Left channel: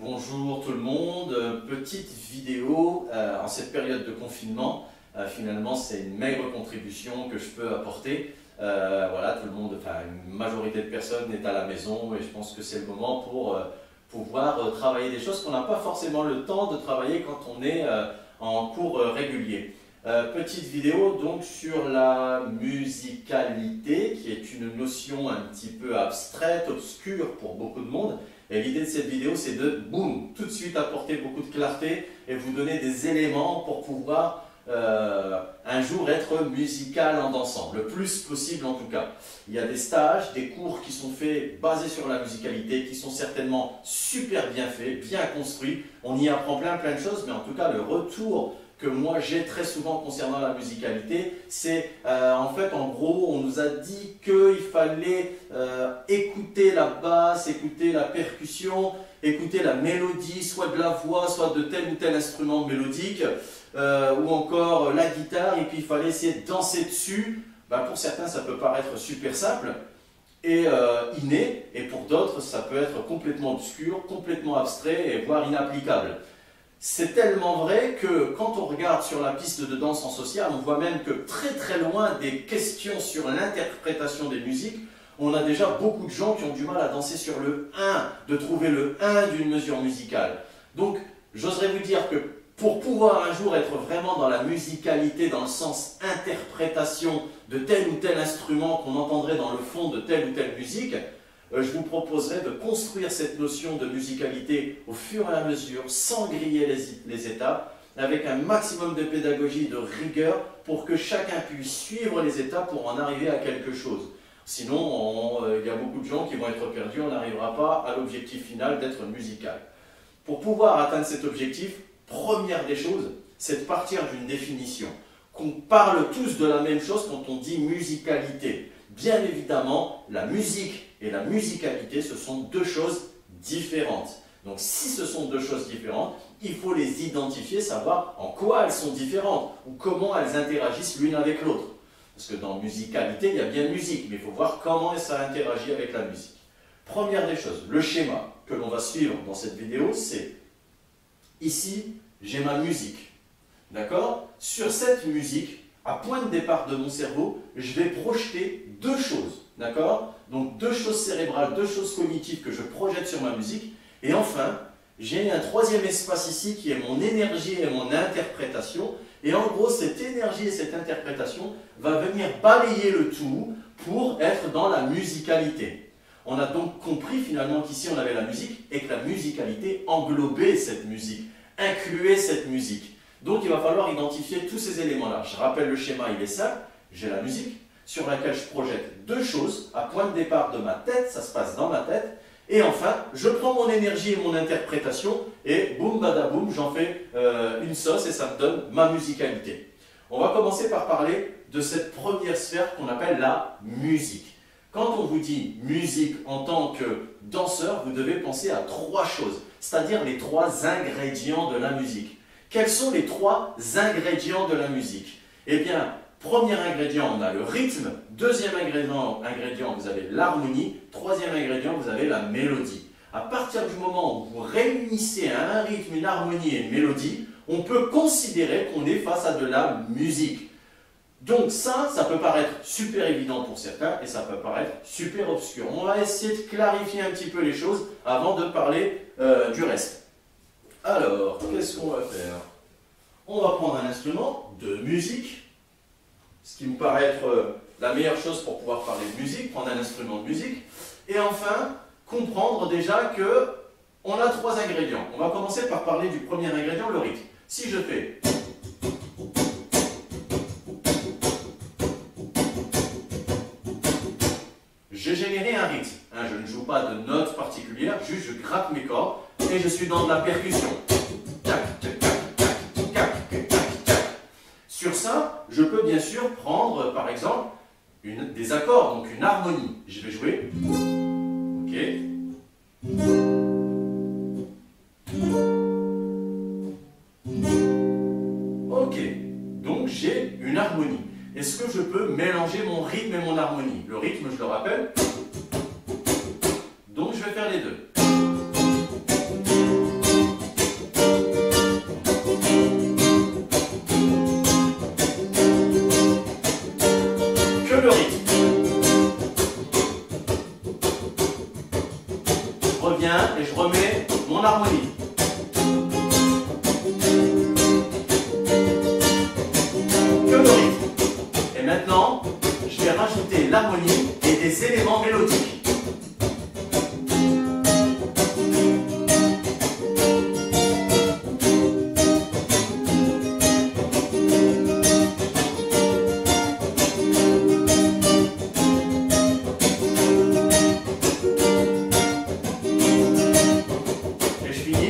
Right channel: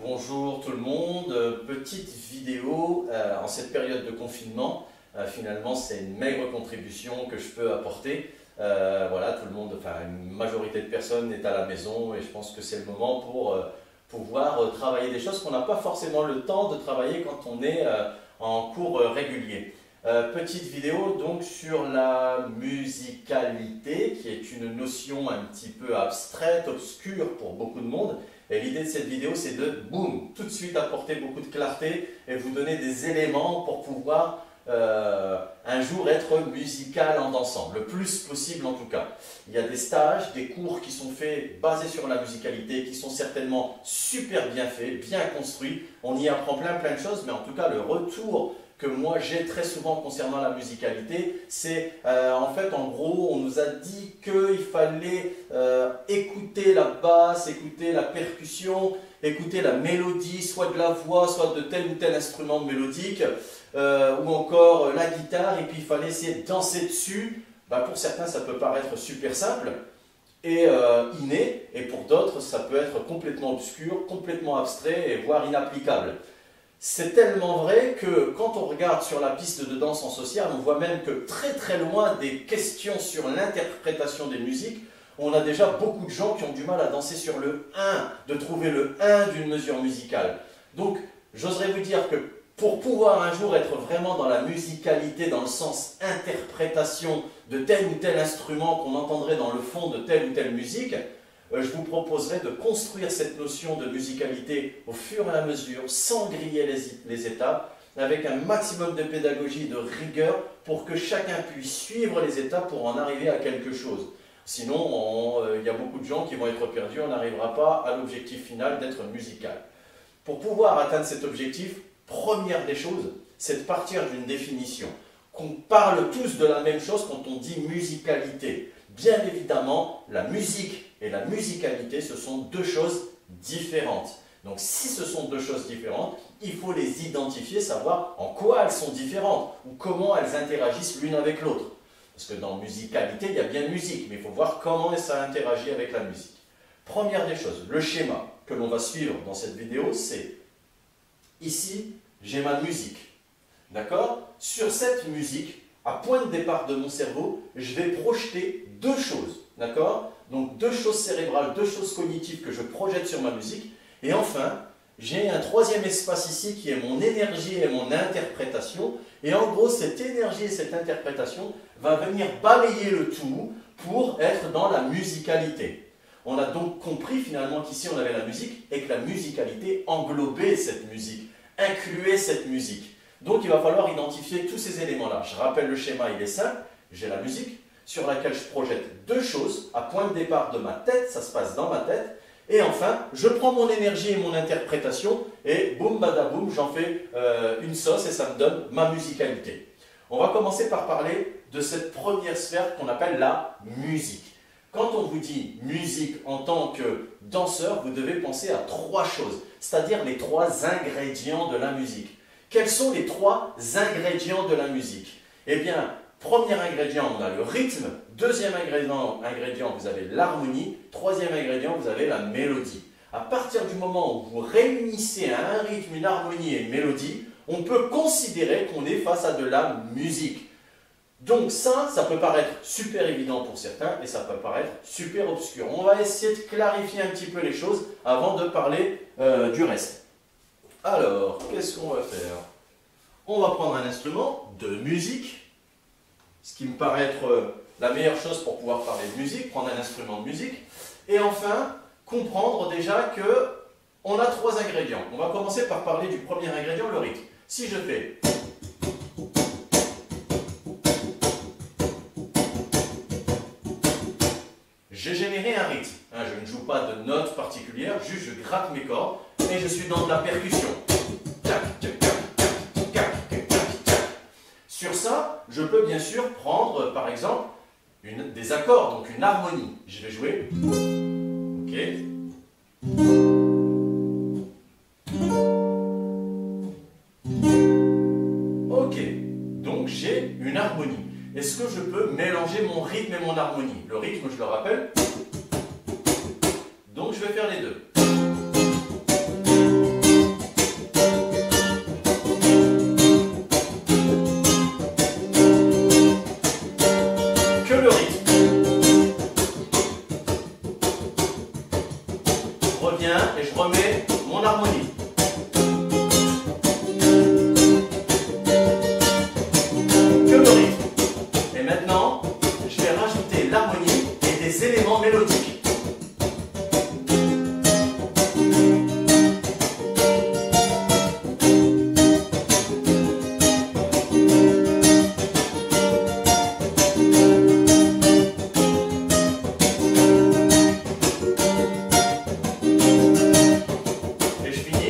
Bonjour tout le monde, petite vidéo en cette période de confinement. Finalement, c'est une maigre contribution que je peux apporter. Voilà, tout le monde, enfin une majorité de personnes est à la maison et je pense que c'est le moment pour pouvoir travailler des choses qu'on n'a pas forcément le temps de travailler quand on est en cours régulier. Petite vidéo donc sur la musicalité, qui est une notion un petit peu abstraite, obscure pour beaucoup de monde. Et l'idée de cette vidéo, c'est de, boum, tout de suite apporter beaucoup de clarté et vous donner des éléments pour pouvoir un jour être musical en dansant, le plus possible en tout cas. Il y a des stages, des cours qui sont faits basés sur la musicalité, qui sont certainement super bien faits, bien construits. On y apprend plein de choses, mais en tout cas le retour que moi j'ai très souvent concernant la musicalité, c'est en fait en gros on nous a dit qu'il fallait écouter la basse, écouter la percussion, écouter la mélodie, soit de la voix, soit de tel ou tel instrument mélodique, ou encore la guitare, et puis il fallait essayer de danser dessus. Pour certains ça peut paraître super simple et inné, et pour d'autres ça peut être complètement obscur, complètement abstrait et voire inapplicable. C'est tellement vrai que quand on regarde sur la piste de danse en social, on voit même que très loin des questions sur l'interprétation des musiques, on a déjà beaucoup de gens qui ont du mal à danser sur le 1, de trouver le 1 d'une mesure musicale. Donc, j'oserais vous dire que pour pouvoir un jour être vraiment dans la musicalité, dans le sens interprétation de tel ou tel instrument qu'on entendrait dans le fond de telle ou telle musique, je vous proposerai de construire cette notion de musicalité au fur et à mesure, sans griller les étapes, avec un maximum de pédagogie et de rigueur pour que chacun puisse suivre les étapes pour en arriver à quelque chose. Sinon, il y a beaucoup de gens qui vont être perdus, on n'arrivera pas à l'objectif final d'être musical. Pour pouvoir atteindre cet objectif, première des choses, c'est de partir d'une définition. Qu'on parle tous de la même chose quand on dit musicalité. Bien évidemment, la musique et la musicalité, ce sont deux choses différentes. Donc si ce sont deux choses différentes, il faut les identifier, savoir en quoi elles sont différentes ou comment elles interagissent l'une avec l'autre. Parce que dans musicalité, il y a bien musique, mais il faut voir comment ça interagit avec la musique. Première des choses, le schéma que l'on va suivre dans cette vidéo, c'est ici, j'ai ma musique. D'accord? Sur cette musique, à point de départ de mon cerveau, je vais projeter deux choses. D'accord? Donc deux choses cérébrales, deux choses cognitives que je projette sur ma musique. Et enfin, j'ai un troisième espace ici qui est mon énergie et mon interprétation. Et en gros, cette énergie et cette interprétation va venir balayer le tout pour être dans la musicalité. On a donc compris finalement qu'ici on avait la musique et que la musicalité englobait cette musique, incluait cette musique. Donc il va falloir identifier tous ces éléments-là. Je rappelle le schéma, il est simple. J'ai la musique sur laquelle je projette deux choses à point de départ de ma tête, ça se passe dans ma tête. Et enfin, je prends mon énergie et mon interprétation et boum badaboum, j'en fais une sauce et ça me donne ma musicalité. On va commencer par parler de cette première sphère qu'on appelle la musique. Quand on vous dit musique en tant que danseur, vous devez penser à trois choses, c'est-à-dire les trois ingrédients de la musique. Quels sont les trois ingrédients de la musique? Eh bien, premier ingrédient, on a le rythme. Deuxième ingrédient, vous avez l'harmonie. Troisième ingrédient, vous avez la mélodie. À partir du moment où vous réunissez à un rythme, une harmonie et une mélodie, on peut considérer qu'on est face à de la musique. Donc ça peut paraître super évident pour certains et ça peut paraître super obscur. On va essayer de clarifier un petit peu les choses avant de parler du reste. Alors, qu'est-ce qu'on va faire? On va prendre un instrument de musique, ce qui me paraît être la meilleure chose pour pouvoir parler de musique, prendre un instrument de musique, et enfin, comprendre déjà qu'on a trois ingrédients. On va commencer par parler du premier ingrédient, le rythme. Si je fais... J'ai généré un rythme. Je ne joue pas de notes particulières, juste je gratte mes cordes et je suis dans de la percussion. Sur ça, je peux bien sûr prendre par exemple des accords, donc une harmonie. Je vais jouer. Ok. Donc j'ai une harmonie. Est-ce que je peux mélanger mon rythme et mon harmonie? Le rythme, je le rappelle. Donc je vais faire les deux. reviens et je remets mon harmonie. Que le rythme. Et maintenant, je vais rajouter l'harmonie et des éléments mélodiques.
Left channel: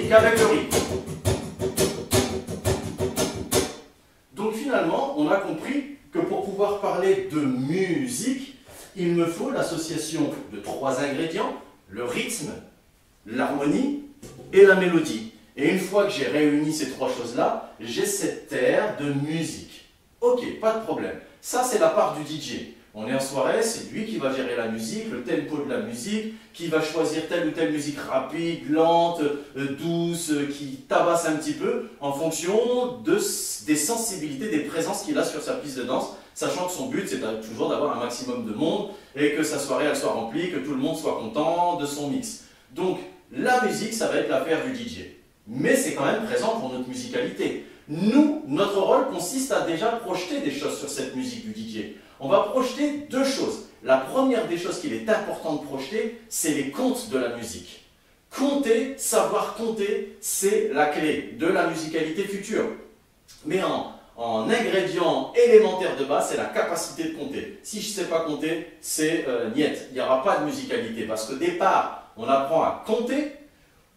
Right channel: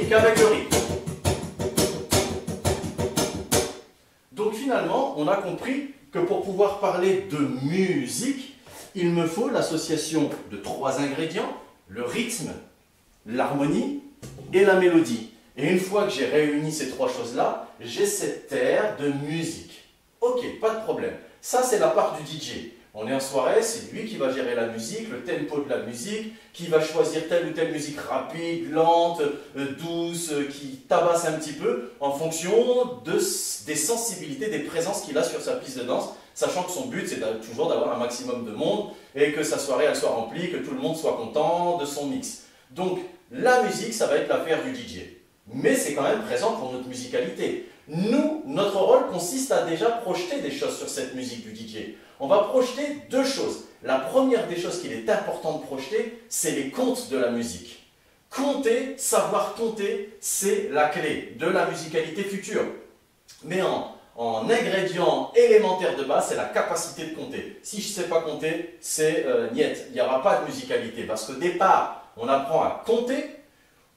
Qu'avec le rythme. Donc finalement, on a compris que pour pouvoir parler de musique, il me faut l'association de 3 ingrédients, le rythme, l'harmonie et la mélodie. Et une fois que j'ai réuni ces 3 choses-là, j'ai cette terre de musique. Ok, pas de problème. Ça, c'est la part du DJ. On est en soirée, c'est lui qui va gérer la musique, le tempo de la musique, qui va choisir telle ou telle musique rapide, lente, douce, qui tabasse un petit peu en fonction des sensibilités, des présences qu'il a sur sa piste de danse, sachant que son but c'est toujours d'avoir un maximum de monde et que sa soirée elle soit remplie, que tout le monde soit content de son mix. Donc la musique, ça va être l'affaire du DJ. Mais c'est quand même présent pour notre musicalité. Nous, notre rôle consiste à déjà projeter des choses sur cette musique du DJ. On va projeter 2 choses. La première des choses qu'il est important de projeter, c'est les comptes de la musique. Compter, savoir compter, c'est la clé de la musicalité future. Mais en ingrédient élémentaire de base, c'est la capacité de compter. Si je ne sais pas compter, c'est niet. Il n'y aura pas de musicalité. Parce qu'au départ, on apprend à compter,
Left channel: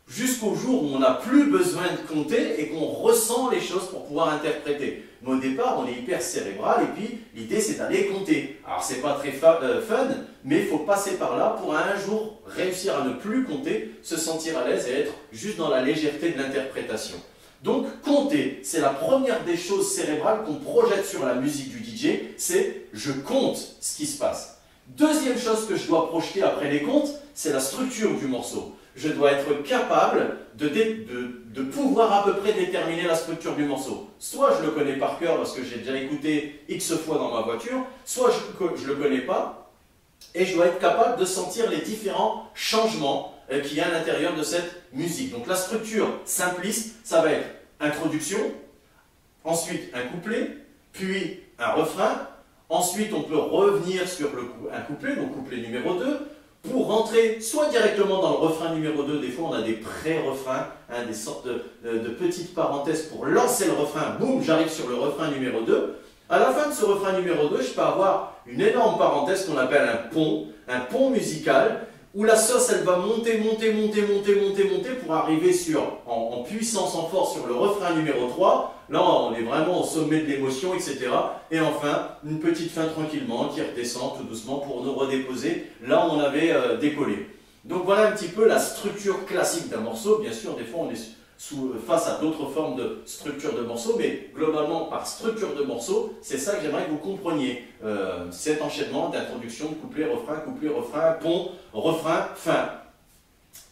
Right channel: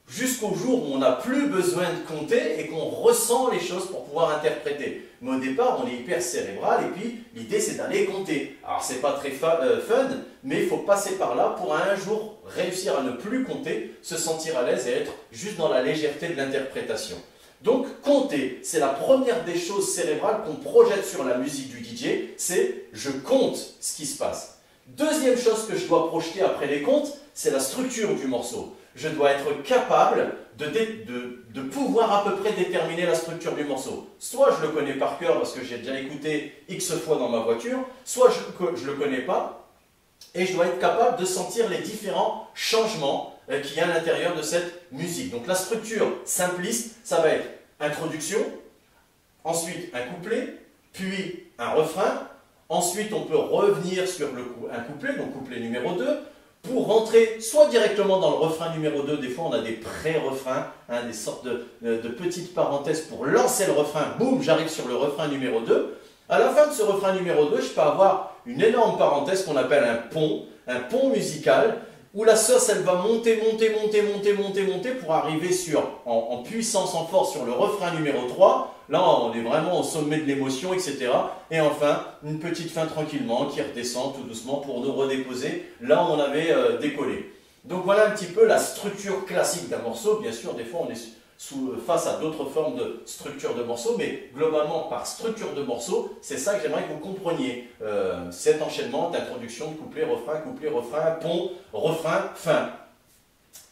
jusqu'au jour où on n'a plus besoin de compter et qu'on ressent les choses pour pouvoir interpréter. Mais au départ, on est hyper cérébral et puis l'idée c'est d'aller compter. Alors c'est pas très fun, mais il faut passer par là pour un jour réussir à ne plus compter, se sentir à l'aise et être juste dans la légèreté de l'interprétation. Donc compter, c'est la première des choses cérébrales qu'on projette sur la musique du DJ, c'est je compte ce qui se passe. Deuxième chose que je dois projeter après les comptes, c'est la structure du morceau. Je dois être capable de pouvoir à peu près déterminer la structure du morceau. Soit je le connais par cœur parce que j'ai déjà écouté X fois dans ma voiture, soit je ne le connais pas et je dois être capable de sentir les différents changements qu'il y a à l'intérieur de cette musique. Donc la structure simpliste, ça va être introduction, ensuite un couplet, puis un refrain, ensuite on peut revenir sur un couplet, donc couplet numéro 2, pour rentrer soit directement dans le refrain numéro 2, des fois on a des pré-refrains, des sortes de petites parenthèses pour lancer le refrain, boum, j'arrive sur le refrain numéro 2. À la fin de ce refrain numéro 2, je peux avoir une énorme parenthèse qu'on appelle un pont musical, où la sauce elle va monter pour arriver en puissance, en force sur le refrain numéro 3. Là, on est vraiment au sommet de l'émotion, etc. Et enfin, une petite fin tranquillement qui redescend tout doucement pour nous redéposer là où on avait décollé. Donc voilà un petit peu la structure classique d'un morceau. Bien sûr, des fois, on est face à d'autres formes de structure de morceaux, mais globalement, par structure de morceau, c'est ça que j'aimerais que vous compreniez. Cet enchaînement d'introduction, couplet, refrain, pont, refrain, fin.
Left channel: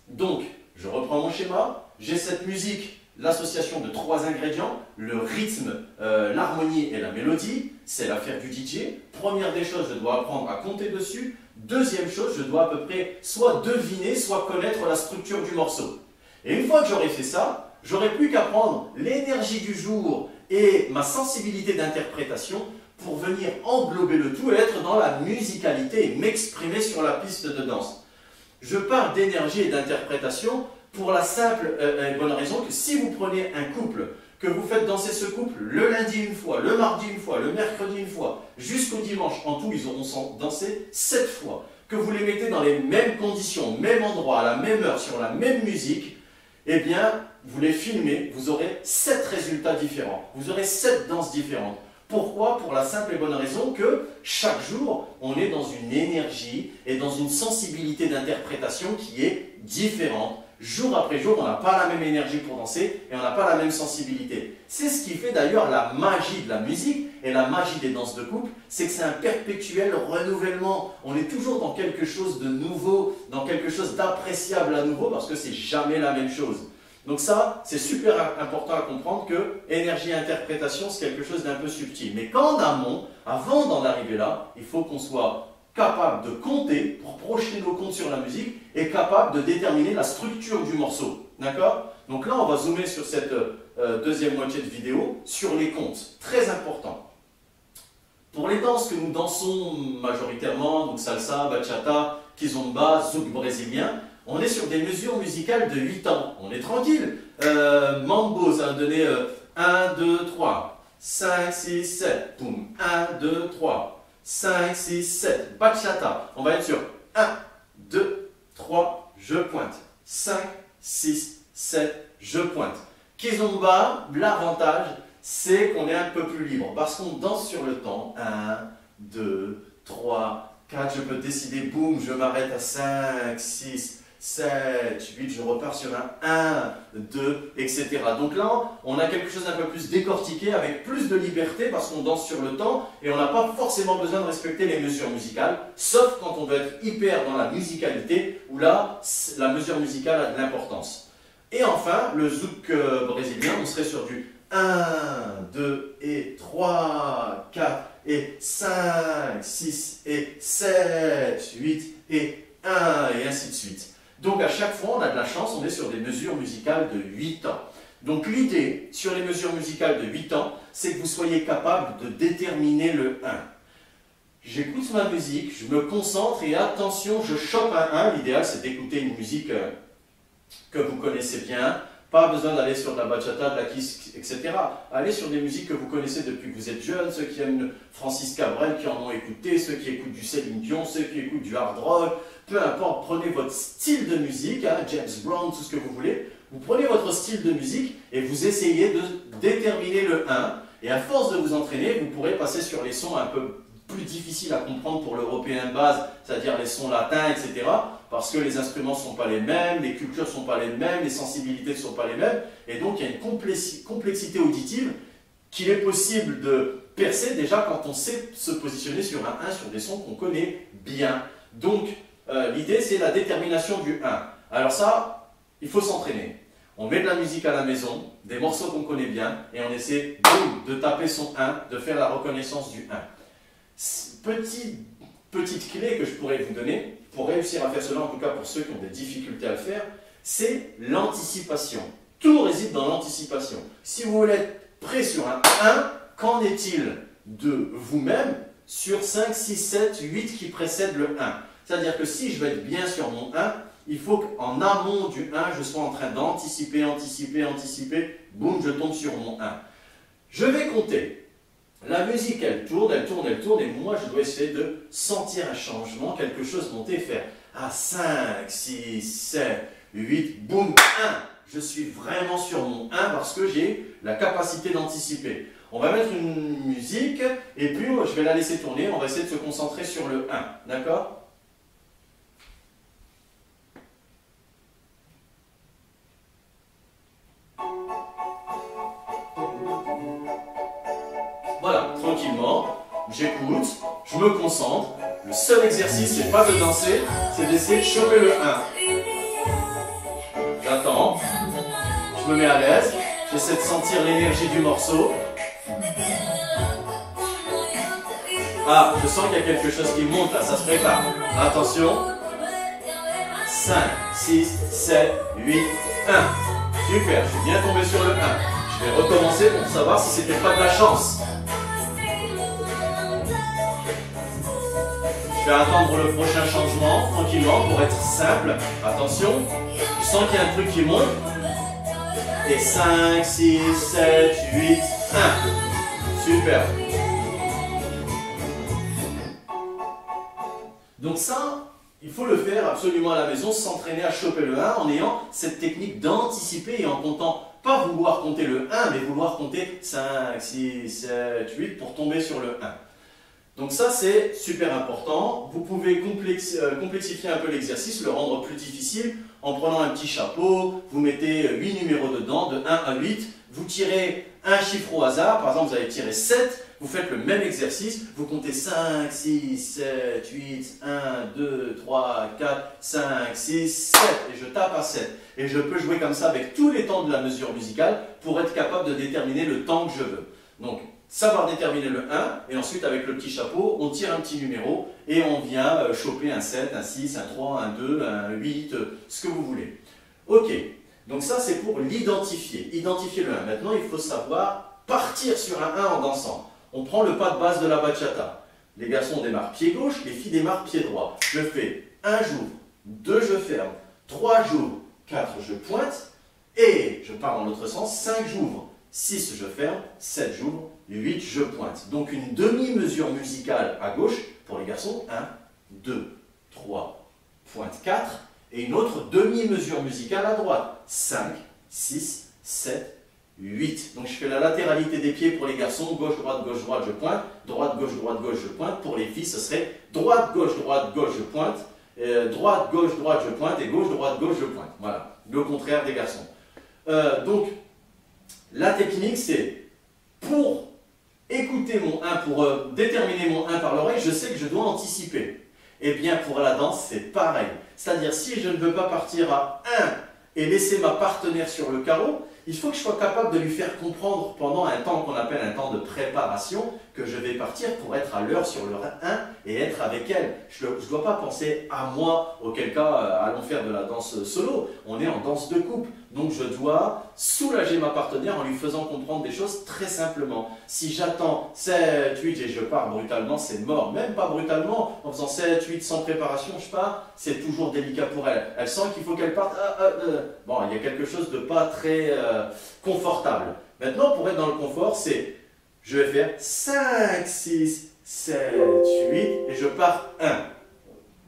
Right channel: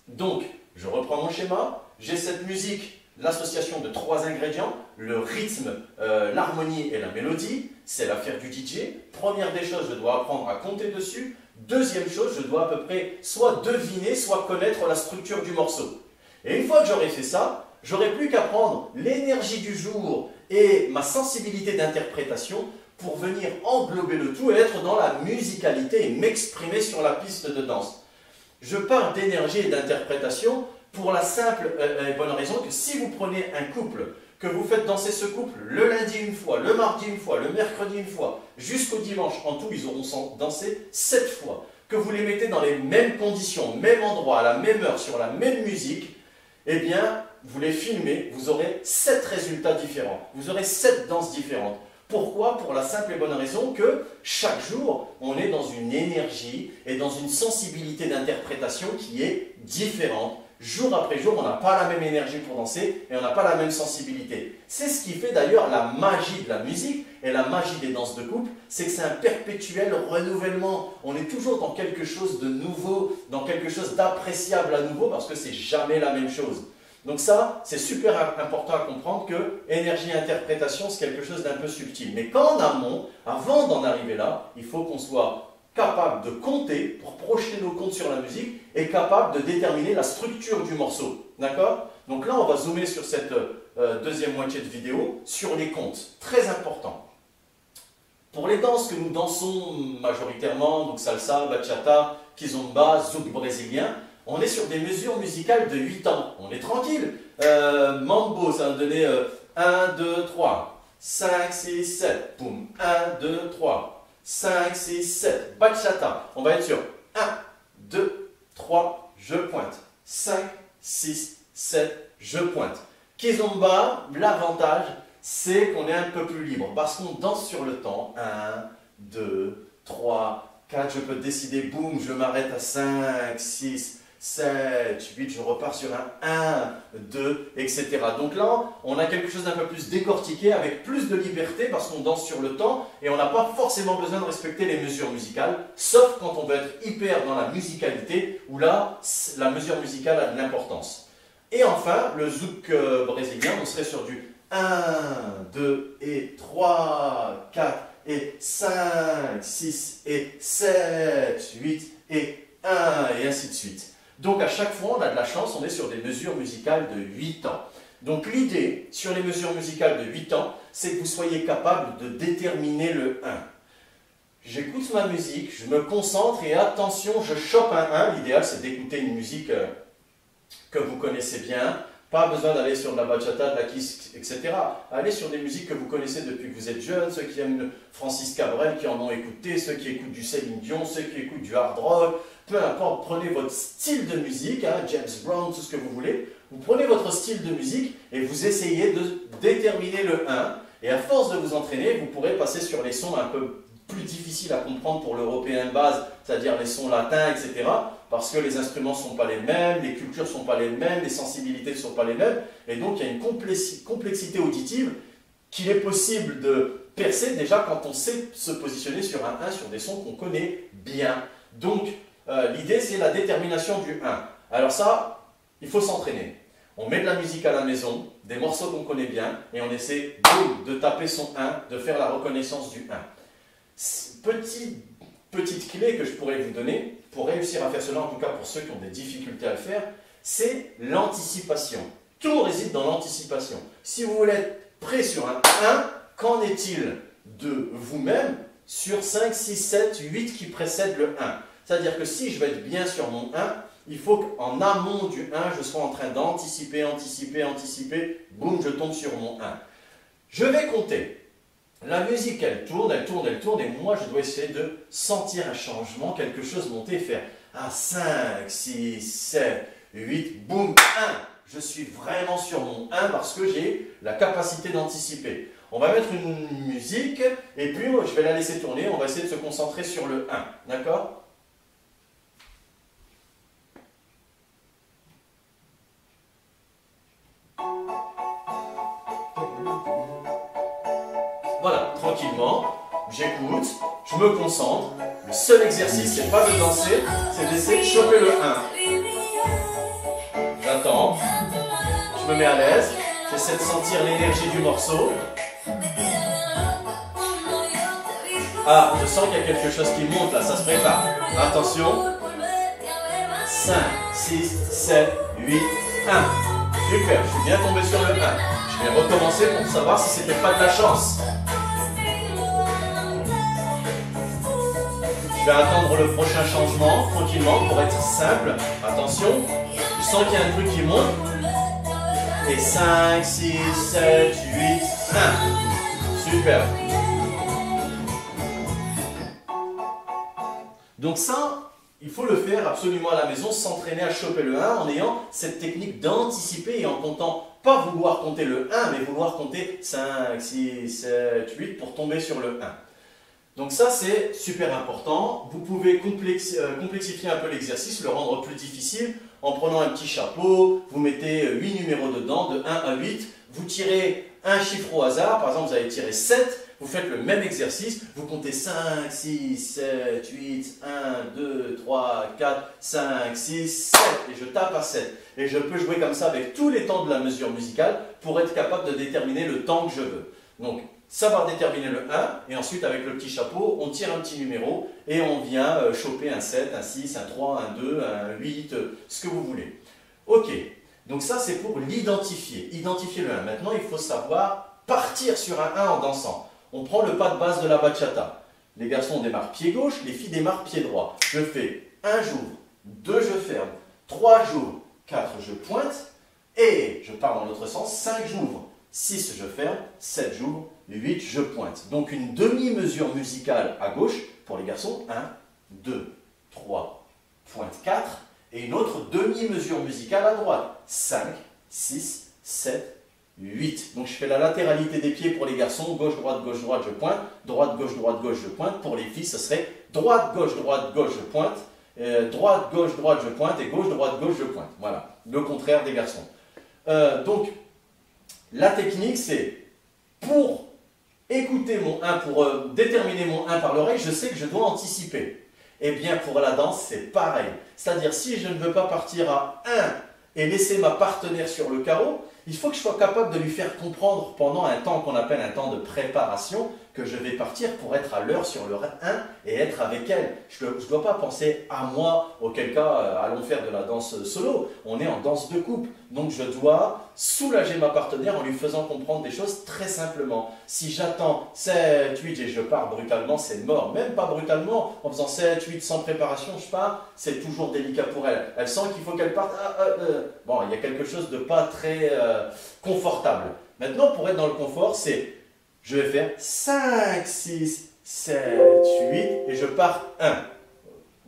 Donc, je reprends mon schéma. J'ai cette musique, l'association de 3 ingrédients, le rythme, l'harmonie et la mélodie, c'est l'affaire du DJ. Première des choses, je dois apprendre à compter dessus. Deuxième chose, je dois à peu près soit deviner, soit connaître la structure du morceau. Et une fois que j'aurai fait ça, j'aurai plus qu'à prendre l'énergie du jour et ma sensibilité d'interprétation pour venir englober le tout et être dans la musicalité et m'exprimer sur la piste de danse. Je parle d'énergie et d'interprétation pour la simple et bonne raison que si vous prenez un couple, que vous faites danser ce couple le lundi une fois, le mardi une fois, le mercredi une fois, jusqu'au dimanche, en tout ils auront dansé 7 fois, que vous les mettez dans les mêmes conditions, au même endroit, à la même heure, sur la même musique, eh bien, vous les filmez, vous aurez 7 résultats différents, vous aurez 7 danses différentes. Pourquoi? Pour la simple et bonne raison que chaque jour, on est dans une énergie et dans une sensibilité d'interprétation qui est différente. Jour après jour, on n'a pas la même énergie pour danser et on n'a pas la même sensibilité. C'est ce qui fait d'ailleurs la magie de la musique et la magie des danses de couple, c'est que c'est un perpétuel renouvellement. On est toujours dans quelque chose de nouveau, dans quelque chose d'appréciable à nouveau parce que c'est jamais la même chose. Donc ça, c'est super important à comprendre que énergie et interprétation, c'est quelque chose d'un peu subtil. Mais qu'en amont, avant d'en arriver là, il faut qu'on soit capable de compter, pour projeter nos comptes sur la musique, et capable de déterminer la structure du morceau. D'accord? Donc là, on va zoomer sur cette deuxième moitié de vidéo, sur les comptes. Très important. Pour les danses que nous dansons majoritairement, donc salsa, bachata, kizomba, zouk brésilien, on est sur des mesures musicales de 8 temps. On est tranquille. Mambo, ça va me donner 1, 2, 3, 5, 6, 7, boum, 1, 2, 3, 5, 6, 7. Bachata, on va être sur 1, 2, 3, je pointe. 5, 6, 7, je pointe. Kizomba, l'avantage, c'est qu'on est un peu plus libre parce qu'on danse sur le temps. 1, 2, 3, 4, je peux décider, boum, je m'arrête à 5, 6, 7, 8, je repars sur un 1, 2, etc. Donc là, on a quelque chose d'un peu plus décortiqué avec plus de liberté parce qu'on danse sur le temps et on n'a pas forcément besoin de respecter les mesures musicales, sauf quand on veut être hyper dans la musicalité où là, la mesure musicale a de l'importance. Et enfin, le zouk brésilien, on serait sur du 1, 2 et 3, 4 et 5, 6 et 7, 8 et 1 et ainsi de suite. Donc à chaque fois, on a de la chance, on est sur des mesures musicales de 8 temps. Donc l'idée sur les mesures musicales de 8 temps, c'est que vous soyez capable de déterminer le 1. J'écoute ma musique, je me concentre et attention, je chope un 1. L'idéal, c'est d'écouter une musique que vous connaissez bien. Pas besoin d'aller sur de la bachata, de la kiss, etc. Allez sur des musiques que vous connaissez depuis que vous êtes jeune, ceux qui aiment Francis Cabrel, qui en ont écouté, ceux qui écoutent du Céline Dion, ceux qui écoutent du hard rock, peu importe, prenez votre style de musique, hein, James Brown, tout ce que vous voulez, vous prenez votre style de musique et vous essayez de déterminer le 1, et à force de vous entraîner, vous pourrez passer sur les sons un peu plus difficiles à comprendre pour l'européen de base, c'est-à-dire les sons latins, etc., parce que les instruments ne sont pas les mêmes, les cultures ne sont pas les mêmes, les sensibilités ne sont pas les mêmes, et donc il y a une complexité auditive qu'il est possible de percer déjà quand on sait se positionner sur un 1, sur des sons qu'on connaît bien. Donc l'idée c'est la détermination du 1. Alors ça, il faut s'entraîner. On met de la musique à la maison, des morceaux qu'on connaît bien, et on essaie de taper son 1, de faire la reconnaissance du 1. Petite clé que je pourrais vous donner, pour réussir à faire cela, en tout cas pour ceux qui ont des difficultés à le faire, c'est l'anticipation. Tout réside dans l'anticipation. Si vous voulez être prêt sur un 1, qu'en est-il de vous-même sur 5, 6, 7, 8 qui précèdent le 1? C'est-à-dire que si je veux être bien sur mon 1, il faut qu'en amont du 1, je sois en train d'anticiper, anticiper, boum, je tombe sur mon 1. Je vais compter. La musique, elle tourne, et moi, je dois essayer de sentir un changement, quelque chose monter, faire un 5, 6, 7, 8, boum, 1. Je suis vraiment sur mon 1 parce que j'ai la capacité d'anticiper. On va mettre une musique, et puis je vais la laisser tourner, on va essayer de se concentrer sur le 1, d'accord ? Voilà, tranquillement, j'écoute, je me concentre. Le seul exercice, c'est pas de danser, c'est d'essayer de choper le 1. J'attends, je me mets à l'aise, j'essaie de sentir l'énergie du morceau. Ah, je sens qu'il y a quelque chose qui monte là, ça se prépare. Attention. 5, 6, 7, 8, 1. Super, je suis bien tombé sur le 1. Je vais recommencer pour savoir si c'était pas de la chance. Je vais attendre le prochain changement tranquillement pour être simple. Attention, je sens qu'il y a un truc qui monte. Et 5, 6, 7, 8, 1. Super. Donc ça, il faut le faire absolument à la maison, s'entraîner à choper le 1 en ayant cette technique d'anticiper et en comptant, pas vouloir compter le 1, mais vouloir compter 5, 6, 7, 8 pour tomber sur le 1. Donc ça, c'est super important. Vous pouvez complexifier un peu l'exercice, le rendre plus difficile en prenant un petit chapeau, vous mettez 8 numéros dedans, de 1 à 8, vous tirez un chiffre au hasard, par exemple vous allez tirer 7, vous faites le même exercice, vous comptez 5, 6, 7, 8, 1, 2, 3, 4, 5, 6, 7, et je tape à 7. Et je peux jouer comme ça avec tous les temps de la mesure musicale pour être capable de déterminer le temps que je veux. Donc, Ça va déterminer le 1, et ensuite avec le petit chapeau, on tire un petit numéro, et on vient choper un 7, un 6, un 3, un 2, un 8, ce que vous voulez. Ok, donc ça c'est pour l'identifier, identifier le 1. Maintenant il faut savoir partir sur un 1 en dansant. On prend le pas de base de la bachata. Les garçons démarrent pied gauche, les filles démarrent pied droit. Je fais 1 j'ouvre, 2 je ferme, 3 j'ouvre, 4 je pointe, et je pars dans l'autre sens, 5 j'ouvre, 6 je ferme, 7 j'ouvre, 8 je pointe. Donc une demi-mesure musicale à gauche pour les garçons, 1, 2, 3, pointe 4, et une autre demi-mesure musicale à droite, 5, 6, 7, 8. Donc je fais la latéralité des pieds pour les garçons, gauche, droite, je pointe, droite, gauche, je pointe. Pour les filles, ce serait droite, gauche, je pointe, droite, gauche, je pointe, et gauche, droite, je pointe. Voilà, le contraire des garçons. Donc, la technique, c'est pour écouter mon 1, pour déterminer mon 1 par l'oreille, je sais que je dois anticiper. Eh bien, pour la danse, c'est pareil. C'est-à-dire, si je ne veux pas partir à 1 et laisser ma partenaire sur le carreau, il faut que je sois capable de lui faire comprendre pendant un temps qu'on appelle un temps de préparation que je vais partir pour être à l'heure sur le 1 et être avec elle. Je ne dois pas penser à moi, auquel cas allons faire de la danse solo. On est en danse de couple. Donc je dois soulager ma partenaire en lui faisant comprendre des choses très simplement. Si j'attends 7, 8 et je pars brutalement, c'est mort. Même pas brutalement, en faisant 7, 8 sans préparation, je pars, c'est toujours délicat pour elle. Elle sent qu'il faut qu'elle parte. Bon, il y a quelque chose de pas très confortable. Maintenant, pour être dans le confort, c'est je vais faire 5, 6, 7, 8 et je pars 1.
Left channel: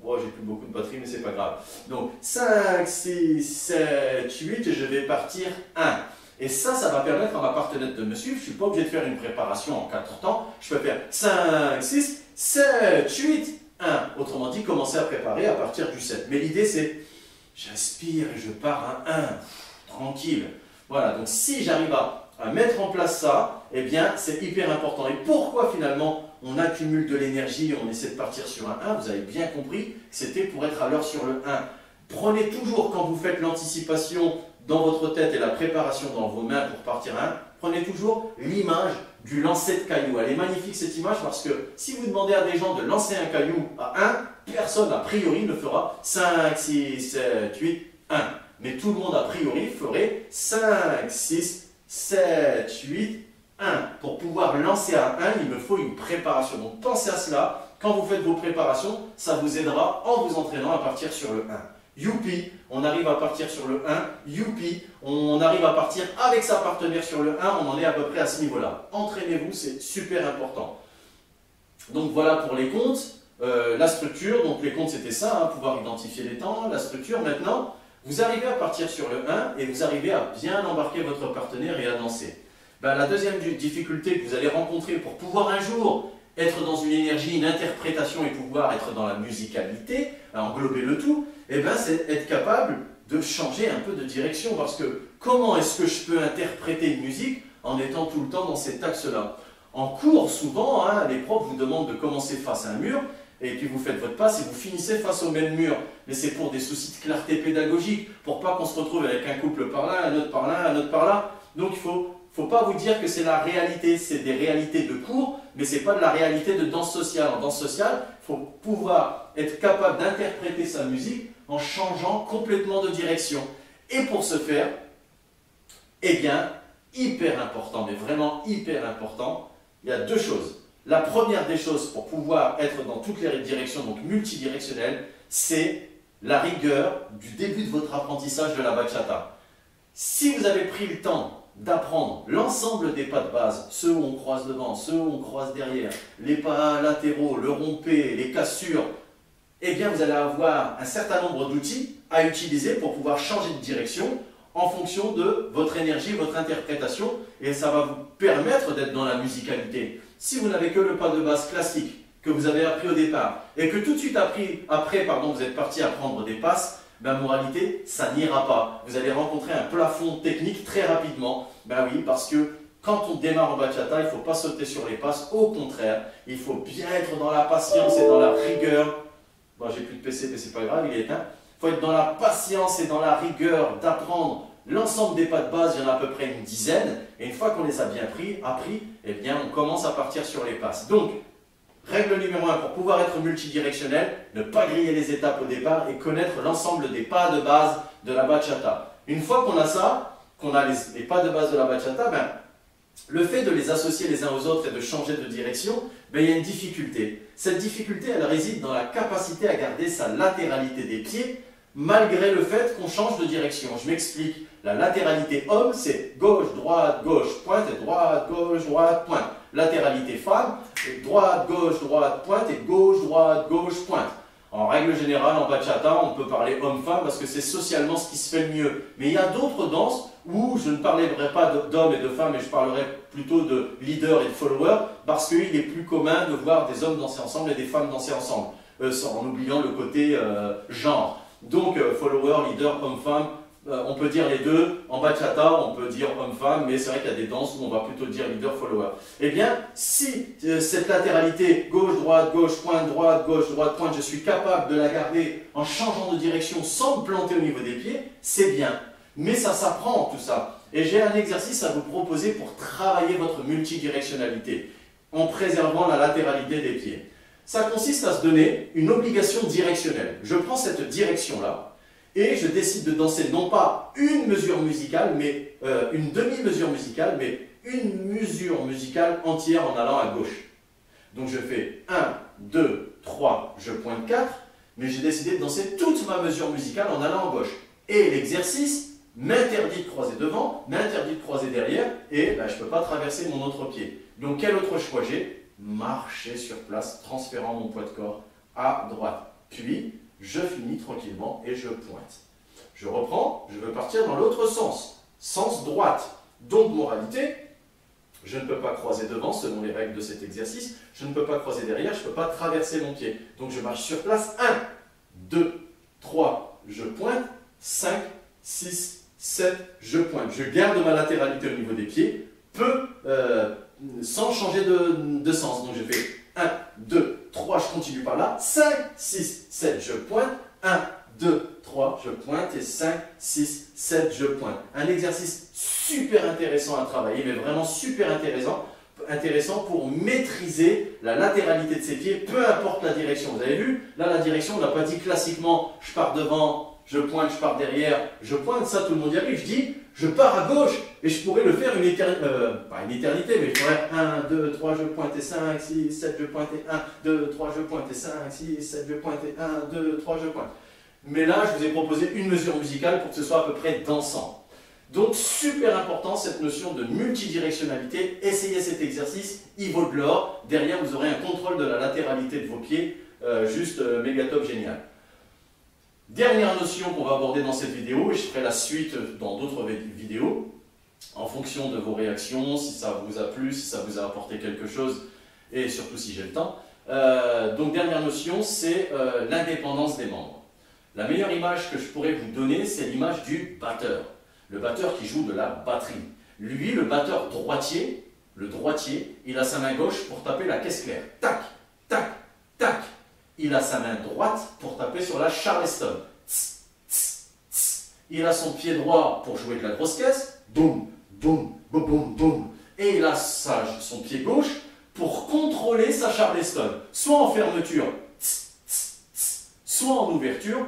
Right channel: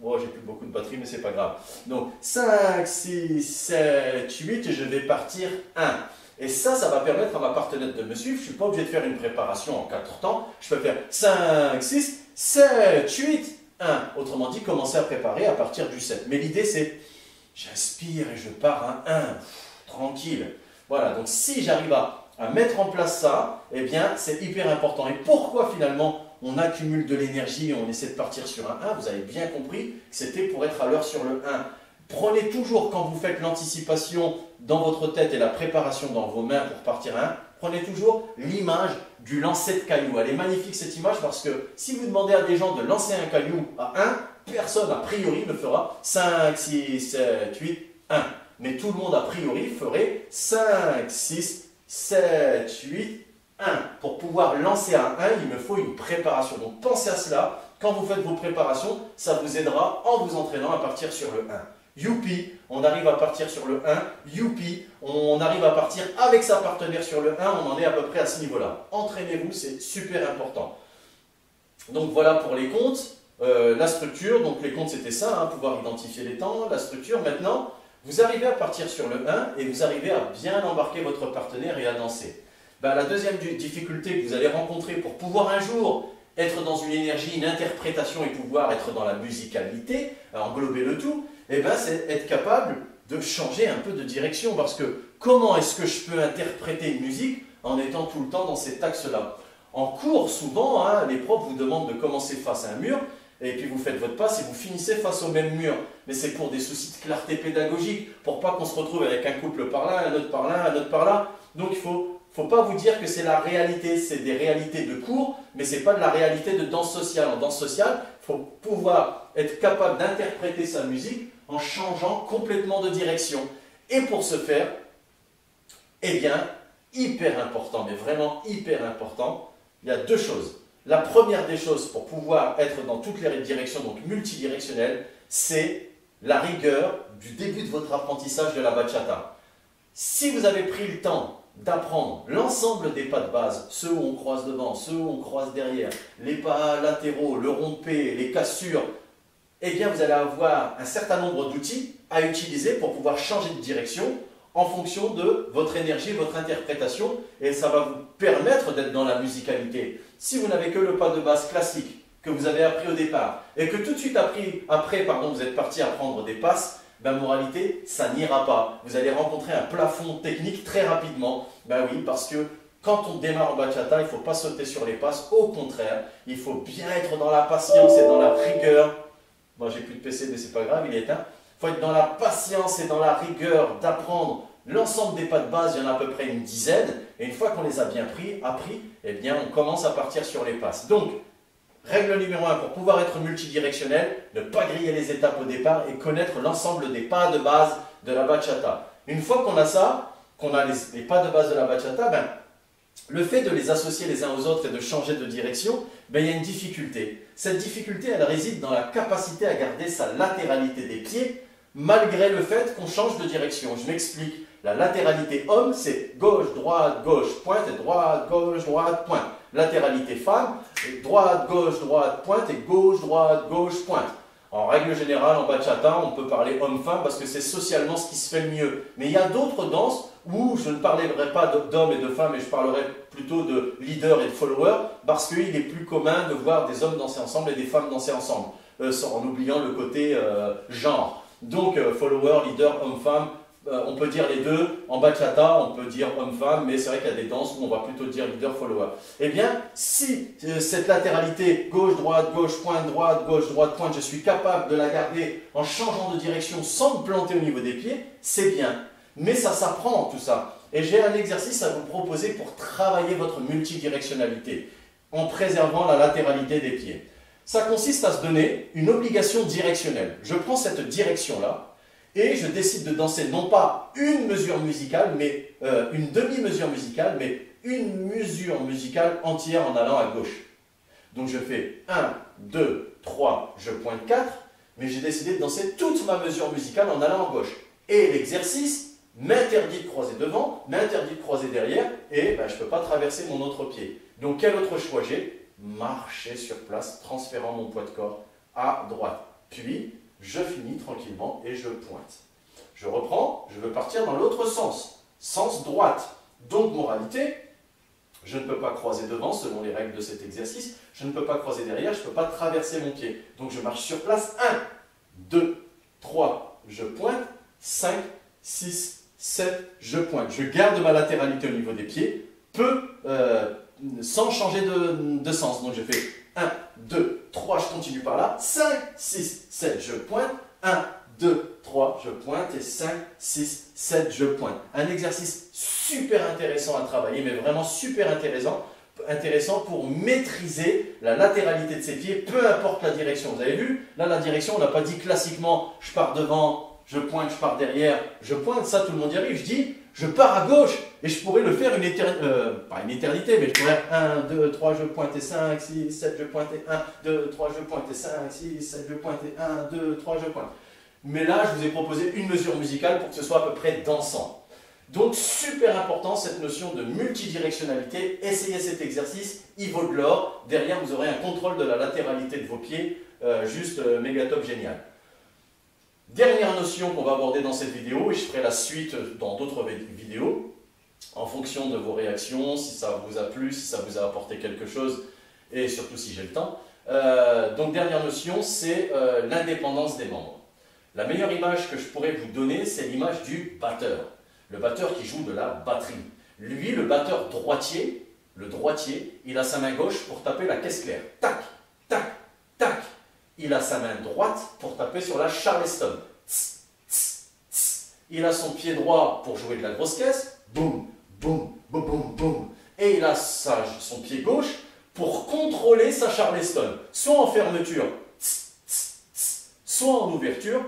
Oh, j'ai plus beaucoup de batterie, mais c'est pas grave. Donc 5, 6, 7, 8 et je vais partir 1. Et ça va permettre à ma partenaire de me suivre. Je ne suis pas obligé de faire une préparation en 4 temps. Je peux faire 5, 6, 7, 8, 1. Autrement dit, commencer à préparer à partir du 7. Mais l'idée, c'est j'inspire et je pars à 1. Tranquille. Voilà, donc si j'arrive à mettre en place ça, eh bien, c'est hyper important. Et pourquoi finalement on accumule de l'énergie et on essaie de partir sur un 1, vous avez bien compris que c'était pour être à l'heure sur le 1. Prenez toujours, quand vous faites l'anticipation dans votre tête et la préparation dans vos mains pour partir à 1, prenez toujours l'image du lancer de caillou. Elle est magnifique cette image parce que si vous demandez à des gens de lancer un caillou à 1, personne a priori ne fera 5, 6, 7, 8, 1. Mais tout le monde a priori ferait 5, 6, 7, 8, 1. Pour pouvoir lancer à 1, il me faut une préparation. Donc pensez à cela. Quand vous faites vos préparations, ça vous aidera en vous entraînant à partir sur le 1. Youpi, on arrive à partir sur le 1. Youpi, on arrive à partir avec sa partenaire sur le 1. On en est à peu près à ce niveau-là. Entraînez-vous, c'est super important. Donc voilà pour les comptes. La structure, donc les comptes c'était ça, pouvoir identifier les temps, la structure. Maintenant, vous arrivez à partir sur le 1 et vous arrivez à bien embarquer votre partenaire et à danser. La deuxième difficulté que vous allez rencontrer pour pouvoir un jour être dans une énergie, une interprétation et pouvoir être dans la musicalité, englober le tout, c'est être capable de changer un peu de direction. Parce que comment est-ce que je peux interpréter une musique en étant tout le temps dans cet axe-là? En cours, souvent, les profs vous demandent de commencer face à un mur, et puis vous faites votre passe et vous finissez face au même mur. Mais c'est pour des soucis de clarté pédagogique, pour pas qu'on se retrouve avec un couple par là, un autre par là, un autre par là. Donc il faut pas vous dire que c'est la réalité, c'est des réalités de cours, mais c'est pas de la réalité de danse sociale. En danse sociale, il faut pouvoir être capable d'interpréter sa musique en changeant complètement de direction. Et pour ce faire, hyper important, mais vraiment hyper important, il y a deux choses. La première des choses pour pouvoir être dans toutes les directions, donc multidirectionnelles, c'est la rigueur du début de votre apprentissage de la bachata. Si vous avez pris le temps d'apprendre l'ensemble des pas de base, ceux où on croise devant, ceux où on croise derrière, les pas latéraux, le rompé, les cassures, vous allez avoir un certain nombre d'outils à utiliser pour pouvoir changer de direction en fonction de votre énergie, votre interprétation, et ça va vous permettre d'être dans la musicalité. Si vous n'avez que le pas de base classique que vous avez appris au départ, et que tout de suite après, vous êtes parti apprendre des passes, moralité, ça n'ira pas. Vous allez rencontrer un plafond technique très rapidement. Oui, parce que quand on démarre en bachata, il ne faut pas sauter sur les passes. Au contraire, il faut bien être dans la patience et dans la rigueur. Bon, j'ai plus de PC, mais c'est pas grave, il est éteint. Il faut être dans la patience et dans la rigueur d'apprendre L'ensemble des pas de base, il y en a à peu près une dizaine. Et une fois qu'on les a bien appris, eh bien, on commence à partir sur les passes. Donc, règle numéro 1, pour pouvoir être multidirectionnel, ne pas griller les étapes au départ et connaître l'ensemble des pas de base de la bachata. Une fois qu'on a ça, qu'on a les pas de base de la bachata, ben, le fait de les associer les uns aux autres et de changer de direction, ben, il y a une difficulté. Cette difficulté, elle réside dans la capacité à garder sa latéralité des pieds, malgré le fait qu'on change de direction. Je m'explique. La latéralité homme, c'est gauche, droite, pointe et droite, pointe. Latéralité femme, droite, pointe et gauche, pointe. En règle générale, en bachata, on peut parler homme-femme parce que c'est socialement ce qui se fait le mieux. Mais il y a d'autres danses où je ne parlerai pas d'hommes et de femmes, mais je parlerai plutôt de leader et de follower, parce qu'il est plus commun de voir des hommes danser ensemble et des femmes danser ensemble, en oubliant le côté genre. Donc, follower, leader, homme-femme, on peut dire les deux. En bachata, on peut dire homme-femme, mais c'est vrai qu'il y a des danses où on va plutôt dire leader-follower. Eh bien, si cette latéralité gauche-droite, pointe, je suis capable de la garder en changeant de direction sans me planter au niveau des pieds, c'est bien. Mais ça s'apprend tout ça. Et j'ai un exercice à vous proposer pour travailler votre multidirectionnalité en préservant la latéralité des pieds. Ça consiste à se donner une obligation directionnelle. Je prends cette direction-là et je décide de danser non pas une mesure musicale, mais une demi-mesure musicale, mais une mesure musicale entière en allant à gauche. Donc je fais 1, 2, 3, je pointe 4, mais j'ai décidé de danser toute ma mesure musicale en allant à gauche. Et l'exercice m'interdit de croiser devant, m'interdit de croiser derrière, et ben, je ne peux pas traverser mon autre pied. Donc quel autre choix j'ai? Marcher sur place, transférant mon poids de corps à droite. Puis, je finis tranquillement et je pointe. Je reprends, je veux partir dans l'autre sens, sens droite. Donc, moralité, je ne peux pas croiser devant selon les règles de cet exercice, je ne peux pas croiser derrière, je ne peux pas traverser mon pied. Donc, je marche sur place, 1, 2, 3, je pointe, 5, 6, 7, je pointe. Je garde ma latéralité au niveau des pieds, sans changer de sens. Donc, je fais 1, 2, 3, je continue par là, 5, 6, 7, je pointe, 1, 2, 3, je pointe, et 5, 6, 7, je pointe. Un exercice super intéressant à travailler, mais vraiment super intéressant pour maîtriser la latéralité de ses pieds, peu importe la direction. Vous avez vu, là la direction, on n'a pas dit classiquement, je pars devant, je pointe, je pars derrière, je pointe, ça tout le monde y arrive. Je dis, je pars à gauche, et je pourrais le faire pas une éternité, mais je pourrais 1, 2, 3, je pointe, et 5, 6, 7, je pointe, et 1, 2, 3, je pointe, et 5, 6, 7, je pointe, et 1, 2, 3, je pointe. Mais là, je vous ai proposé une mesure musicale pour que ce soit à peu près dansant. Donc, super important, cette notion de multidirectionnalité. Essayez cet exercice, il vaut de l'or. Derrière, vous aurez un contrôle de la latéralité de vos pieds, juste méga top, génial. Dernière notion qu'on va aborder dans cette vidéo, et je ferai la suite dans d'autres vidéos, en fonction de vos réactions, si ça vous a plu, si ça vous a apporté quelque chose, et surtout si j'ai le temps. Donc, dernière notion, c'est l'indépendance des membres. La meilleure image que je pourrais vous donner, c'est l'image du batteur. Le batteur qui joue de la batterie. Lui, le batteur droitier, il a sa main gauche pour taper la caisse claire. Tac, tac, tac. Il a sa main droite pour taper sur la charleston. Tss, tss, tss. Il a son pied droit pour jouer de la grosse caisse. Boum, boum, boum, boum, boum. Et il a son pied gauche pour contrôler sa charleston. Soit en fermeture, tss, tss, tss, soit en ouverture.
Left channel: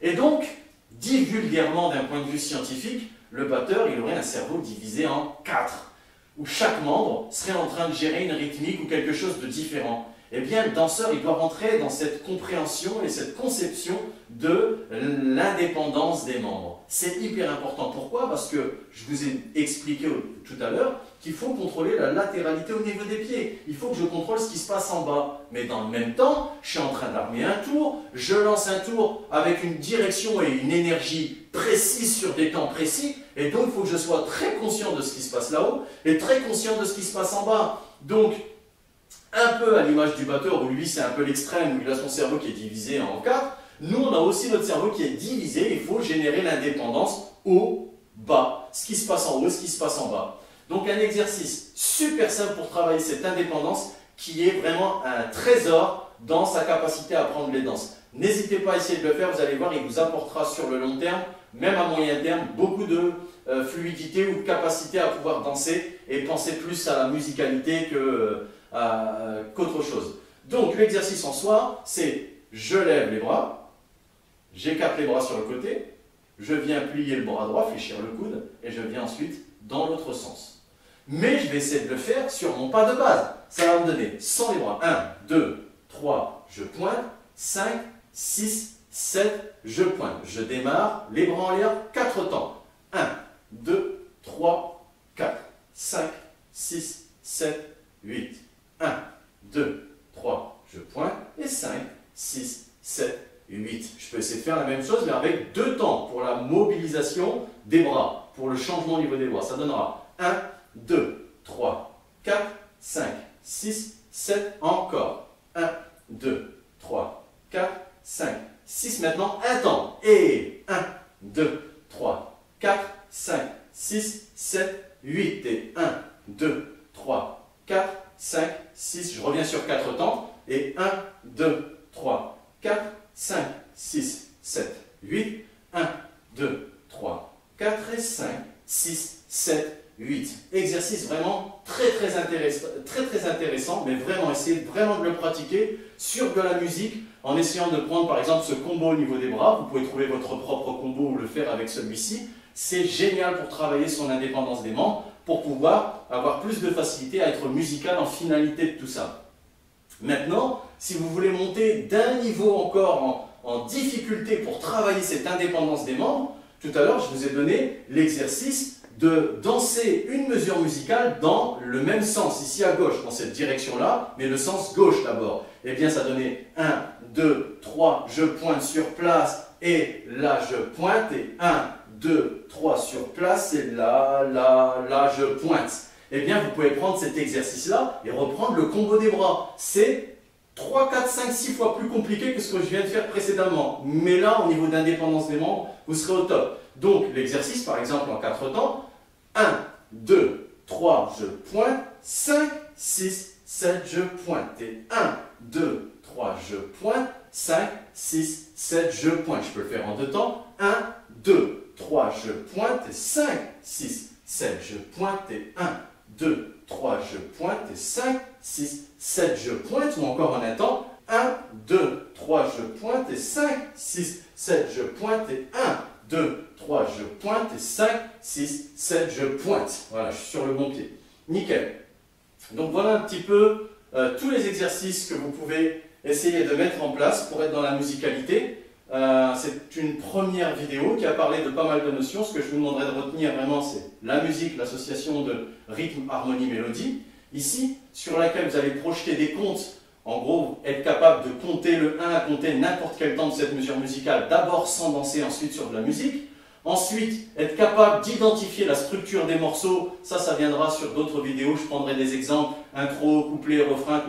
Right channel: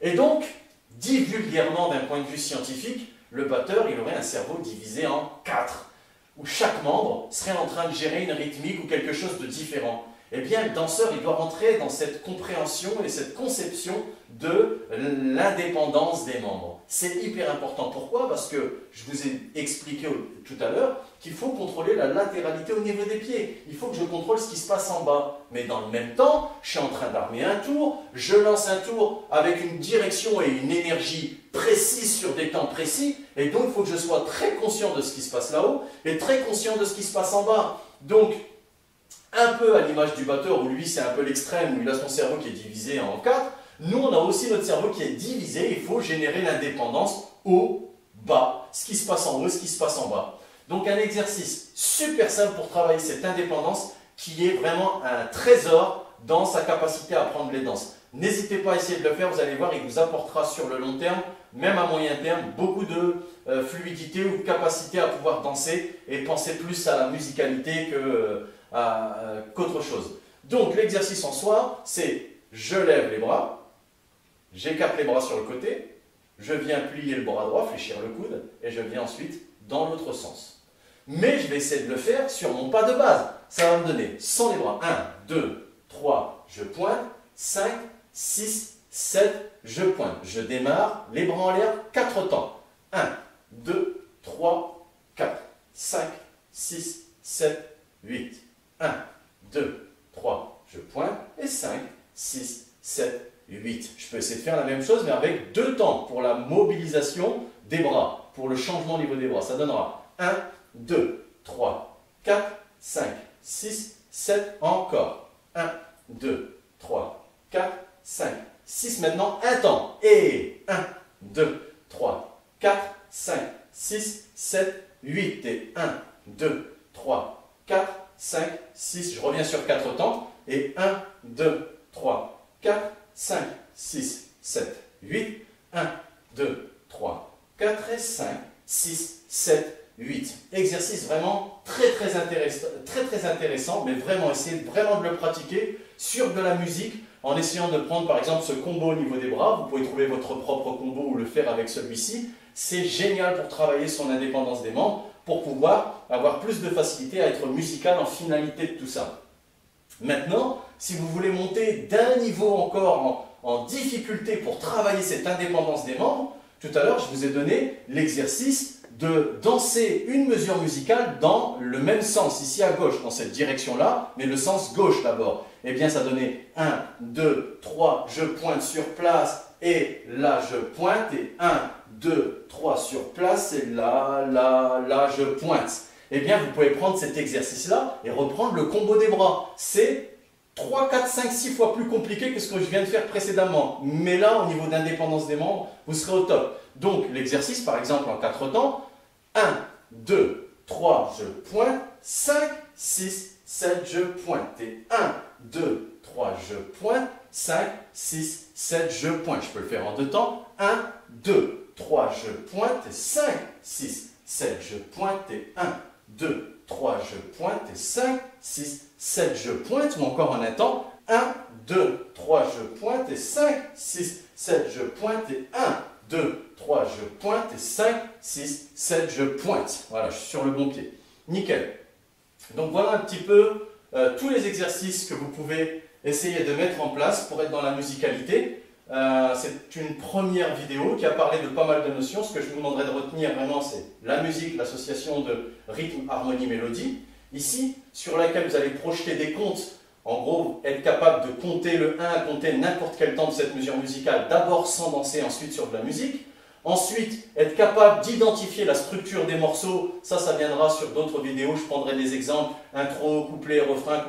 Et donc, dit vulgairement d'un point de vue scientifique, le batteur, il aurait un cerveau divisé en 4, où chaque membre serait en train de gérer une rythmique ou quelque chose de différent. Eh bien, le danseur, il doit rentrer dans cette compréhension et cette conception de l'indépendance des membres. C'est hyper important. Pourquoi? Parce que je vous ai expliqué tout à l'heure qu'il faut contrôler la latéralité au niveau des pieds. Il faut que je contrôle ce qui se passe en bas. Mais dans le même temps, je suis en train d'armer un tour, je lance un tour avec une direction et une énergie précise sur des temps précis, et donc il faut que je sois très conscient de ce qui se passe là-haut et très conscient de ce qui se passe en bas. Donc, un peu à l'image du batteur, où lui c'est un peu l'extrême, où il a son cerveau qui est divisé en 4, nous on a aussi notre cerveau qui est divisé, il faut générer l'indépendance haut, bas, ce qui se passe en haut, ce qui se passe en bas. Donc un exercice super simple pour travailler cette indépendance qui est vraiment un trésor dans sa capacité à apprendre les danses. N'hésitez pas à essayer de le faire, vous allez voir, il vous apportera sur le long terme, même à moyen terme, beaucoup de fluidité ou de capacité à pouvoir danser et penser plus à la musicalité qu'autre chose. Donc l'exercice en soi, c'est je lève les bras, j'écarte les bras sur le côté, je viens plier le bras droit, fléchir le coude, et je viens ensuite dans l'autre sens. Mais je vais essayer de le faire sur mon pas de base. Ça va me donner sans les bras. 1, 2, 3, je pointe, 5, 6, 7, je pointe. Je démarre, les bras en l'air, 4 temps. 1, 2, 3, 4, 5, 6, 7, 8. 1, 2, 3, je pointe, et 5, 6, 7, 8. Je peux essayer de faire la même chose, mais avec 2 temps pour la mobilisation des bras, pour le changement au niveau des bras. Ça donnera 1, 2, 3, 4, 5, 6, 7, encore. 1, 2, 3, 4, 5, 6. Maintenant, un temps. Et 1, 2, 3, 4, 5, 6, 7, 8. Et 1, 2, 3, 4, 5, 6. Je reviens sur 4 temps. Et 1, 2, 3, 4, 5, 6, 7, 8. 1, 2, 3, 4 et 5, 6, 7, 8. Exercice vraiment très intéressant, mais vraiment essayez vraiment de le pratiquer sur de la musique en essayant de prendre par exemple ce combo au niveau des bras. Vous pouvez trouver votre propre combo ou le faire avec celui-ci. C'est génial pour travailler son indépendance des membres, pour pouvoir avoir plus de facilité à être musical en finalité de tout ça. Maintenant, si vous voulez monter d'un niveau encore en difficulté pour travailler cette indépendance des membres, tout à l'heure je vous ai donné l'exercice de danser une mesure musicale dans le même sens, ici à gauche, dans cette direction-là, mais le sens gauche d'abord. Eh bien, ça donnait 1, 2, 3, je pointe sur place, et là, je pointe, et 1, 2, 3 sur place, et là, je pointe. Eh bien, vous pouvez prendre cet exercice-là et reprendre le combo des bras. C'est 3, 4, 5, 6 fois plus compliqué que ce que je viens de faire précédemment. Mais là, au niveau d'indépendance des membres, vous serez au top. Donc, l'exercice, par exemple, en 4 temps, 1, 2, 3, je pointe, 5, 6, 7, je pointe. Et 1, 2, 3, je pointe, 5, 6, 7, je pointe. Je peux le faire en 2 temps. 1, 2, 3, je pointe, et 5, 6, 7, je pointe, et 1, 2, 3, je pointe, et 5, 6, 7, je pointe, ou encore en un temps, 1, 2, 3, je pointe, et 5, 6, 7, je pointe, et 1, 2, 3, je pointe, et 5, 6, 7, je pointe. Voilà, je suis sur le bon pied. Nickel. Donc voilà un petit peu tous les exercices que vous pouvez essayer de mettre en place pour être dans la musicalité. C'est une première vidéo qui a parlé de pas mal de notions. Ce que je vous demanderai de retenir vraiment, c'est la musique, l'association de rythme, harmonie, mélodie. Ici, sur laquelle vous allez projeter des comptes. En gros, être capable de compter le 1 à compter n'importe quel temps de cette mesure musicale, d'abord sans danser, ensuite sur de la musique. Ensuite, être capable d'identifier la structure des morceaux, ça viendra sur d'autres vidéos, je prendrai des exemples, intro, couplet, refrain,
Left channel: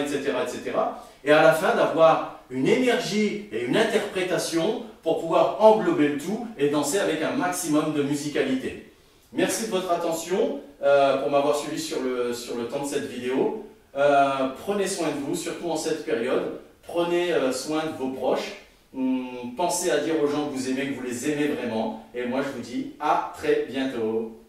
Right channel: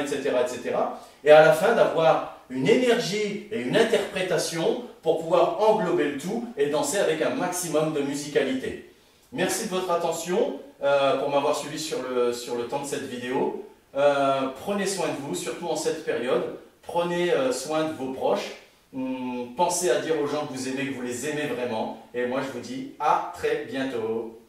etc., etc. Et à la fin, d'avoir une énergie et une interprétation pour pouvoir englober le tout et danser avec un maximum de musicalité. Merci de votre attention, pour m'avoir suivi sur le temps de cette vidéo. Prenez soin de vous, surtout en cette période. Prenez soin de vos proches. Pensez à dire aux gens que vous aimez, que vous les aimez vraiment. Et moi, je vous dis à très bientôt.